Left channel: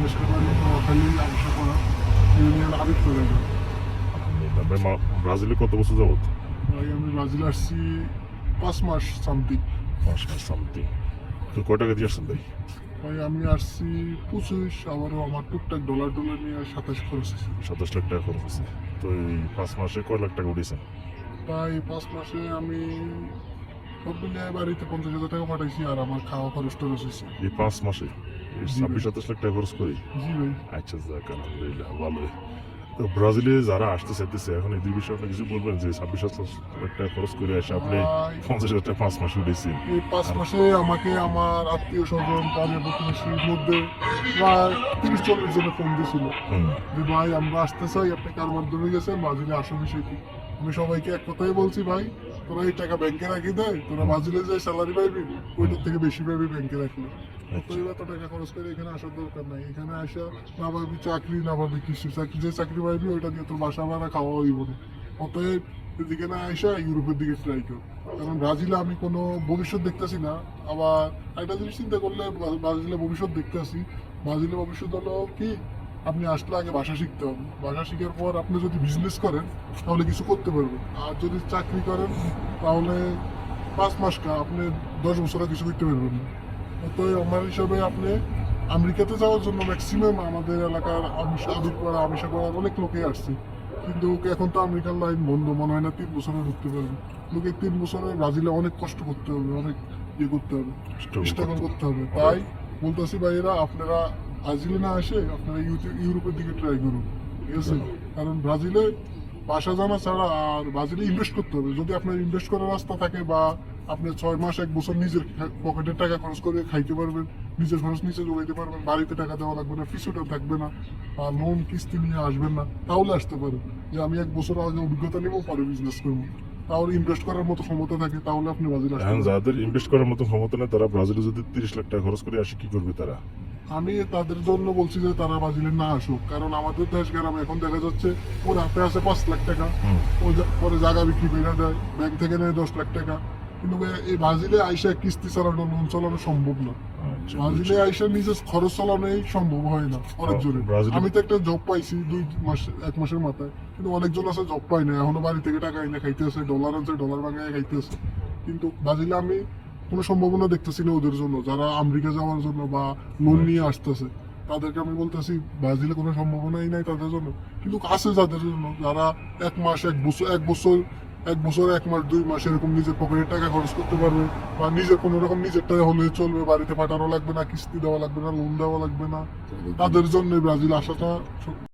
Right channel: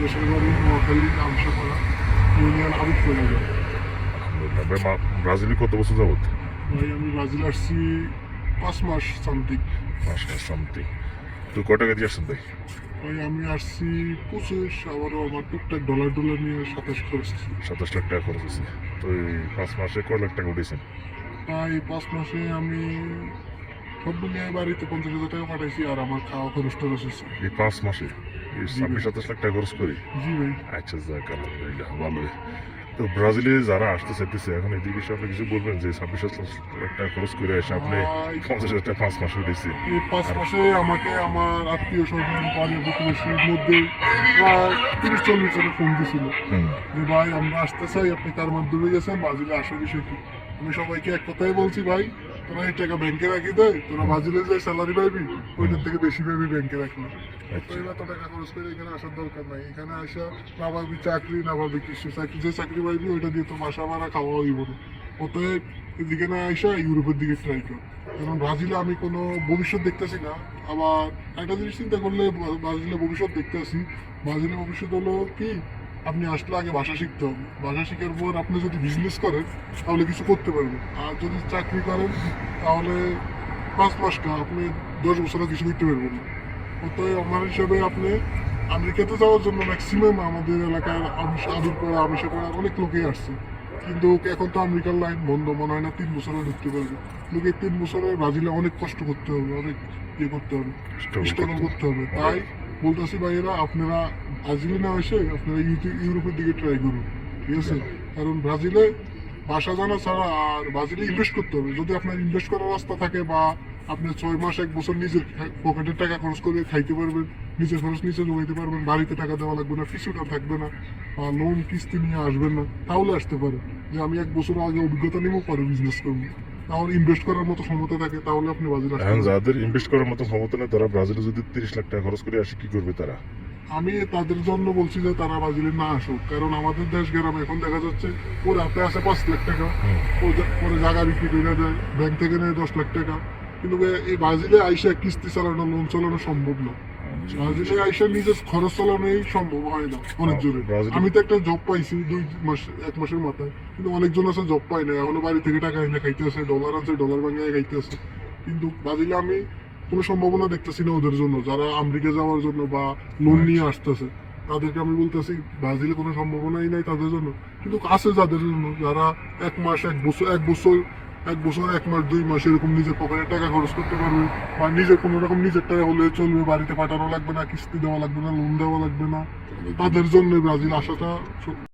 দেশের বাড়ি নোয়াখালী আংশাপাড়া, আমি করে যাই। আপনার ব্রাজিলে কত বছর যাবত? ভাই আমি ব্রাজিল আসছি 5 মাস সামথিং। 5 মাস সামথিং। তো কয় টাকা দিয়ে আসছেন ভাই? ভাই আমি আসছি 25, আবারও আমার টুকটাক ডলার ডলার নিয়ে 27 খরচ হয়েছে। 27 লাখ টাকা খরচ আছে। তো এই 5 মাসে কয় লাখ টাকা উঠেছেন? প্রায় 5 মাসে আমি সব মিলিয়ে বাড়িতে 50,000 টাকা পাঠাইছি, আর আমার খাওয়া খরচ টরচ হয়েছে। এই 5 মাসে এই জি ভাই। 26-27 লাখ টাকা খরচ করে? জি ভাই। আচ্ছা, যাক আলহামদুলিল্লাহ, ভালোই। তো ব্রাজিলে যারা আসতে চাইতেছে এখন এই বিষয়ে আপনি কিছু বলবেন যে 26-27 লাখ টাকা খরচ করে এসে আপনি ভাই 50,000 টাকা 5 মাসে উঠেছেন? এই 5 মাসে আমাকে আমার আত্মীয় স্বজন পাড়ার প্রতিবেশীর মধ্যে প্রায় 30-40 জনে ফোন দিয়েছিল হুম। যে ভাই আমরা আসতে চাই, আপনি কার মাধ্যমে গেছেন, ব্রাজিলে আসো বিষয় কি। আমি সবাইকে এক কথাই বলছি, ভাই তোরা এই টাকা ব্যাংকে রাখি দেয়, তোরা ব্রাজিলে যে স্যালারি পাইবি ওইটার থেকে বেশি পাইবি ব্যাংকে রাখলে। তো এবার তো টাকা খরচ করে এখানে আসার দরকার নাই। এখানে আসা না পাবি চাকরি, না পাবি কিছু, চাকরি যে চাকরি পাইবি ওইটা দিয়ে তোর বাসা ভাড়া খাওয়া হইব না। অতএব এদিকে না আসা ইউরোপের দিকে ট্রাই কর। কারণ ব্রাজিলে আমি কোনো ভবিষ্যৎ দেখতেছি না। আবার একটা জিনিস চিন্তা করলে ব্রাজিলে ভবিষ্যৎ দেখতেছি। ব্রাজিলের ভবিষ্যৎ হলো কি, আপনি আসলে আগে ভাষা শিখতে হবে। ভাষা শেখার পর আপনি যদি বিজনেস করেন তাহলে কিছু করতে পারবেন, আর যদি চাকরি করেন তাহলে 5 মাস আপনি 10 বছর আর কিছু করতে পারবেন না। অতএব আমার হিসাবে আপনি আমেরিকাতে যাওয়ার জন্য ম্যাক্সিমাম আমাদের এলাকার আমিরপাড়া আমিষাপাড়ার অনেক লোকই আসছে, কিন্তু এখন তো আমেরিকার লাইন বন্ধ, মনে হয় না 3 বছরে ঢুকতে পারবে। কিন্তু এই 3 বছরে ব্রাজিলে অনেক কষ্ট করতে হবে, অনেক ইয়ে করতে হবে, স্ট্রাগল করতে হবে। তাই বলতেছি ভাইয়েরা, আপনারা ব্রাজিলে না এসে আপনারা ইউরোপের দিকে ট্রাই করুন, ঠিক আছে? কারণ ব্রাজিলে ভাষা জানা ছাড়া আর ব্রাজিলে ইনভেস্ট করতে হবে। যদি আপনার ইনভেস্ট করার রাস্তা থাকে, বা আপনি 6 মাস 1 বছর নিজের পকেটের টাকা খরচ করে খাইতে পারবেন, নিজের খরচ নিজে জমাইতে পারবেন, বাড়িতে টাকা দেওয়া লাগবে না, পিছুটা থাকবে না, বা লোন কিস্তি নিয়ে আসবেন না, তাহলে আসতে পারে যে আমি 1 বছর আগে অভিজ্ঞতা নিবো, পরে বিজনেস করবো। তাহলে ইনভেস্ট করার মতো ক্ষমতা থাকে, তাহলে আপনি ব্রাজিল আসতে এখন পারেন। যাদের ইনভেস্ট করার মতো ক্ষমতা নেই তারা ব্রাজিলে যদি 30 লাখ টাকা খরচ করে আসে কি করবে তারা? আমি তাদের জন্য বলছি যে তারা ব্রাজিলে না আসুক। কারণ আমাদের দেশ গ্রাম এখন দেখা যাচ্ছে ওর হাতে আছে 5 লাখ টাকা, পরে জায়গা বিক্রি করে দেয়, ব্যাংক থেকে নেয় 10 লাখ টাকা। কিন্তু এই ব্রাজিলে আইসা কিস্তি চালানো, লোন চালানো সম্ভব না। ব্রাজিলে আইসা নিজের খরচ চালানোই সম্ভব হয় না অনেক জনের। ব্রাজিলে- আমি তো একটা জব পাইছি 1 মাসের মাথায়, কিন্তু অনেকজন আছে জব পাই না, এখনো বাড়ি থেকে টাকা এনে খাইতে আছে, ডলার আছে ডলার ভাঙায় খাইতে আছে। কিন্তু ব্রাজিলে আমি কোনো সম্ভাবনা দেখতেছি না ওদের জন্য, যারা আমেরিকা যাওয়ার জন্য বা লোন নিয়ে আসতেছে তাদেরকে আমি বলতেছি ব্রাজিলে কোনো সম্ভাবনাই নাই তাদের জন্য। কিন্তু আছে যাদের জন্য, যারা 1 মাস 1 বছর 1 মাস 2 মাস এরকম নিজের পকেটের টাকা খরচ করতে পারবে, বা নিজের কোনো রকম নিজের টাকা হলে চলবে, বাড়িতে পাঠানো লাগবে না, কিস্তি দেওয়া লাগবে না, লোন দেওয়া লাগবে না, তাদের জন্য ব্রাজিল আসাটা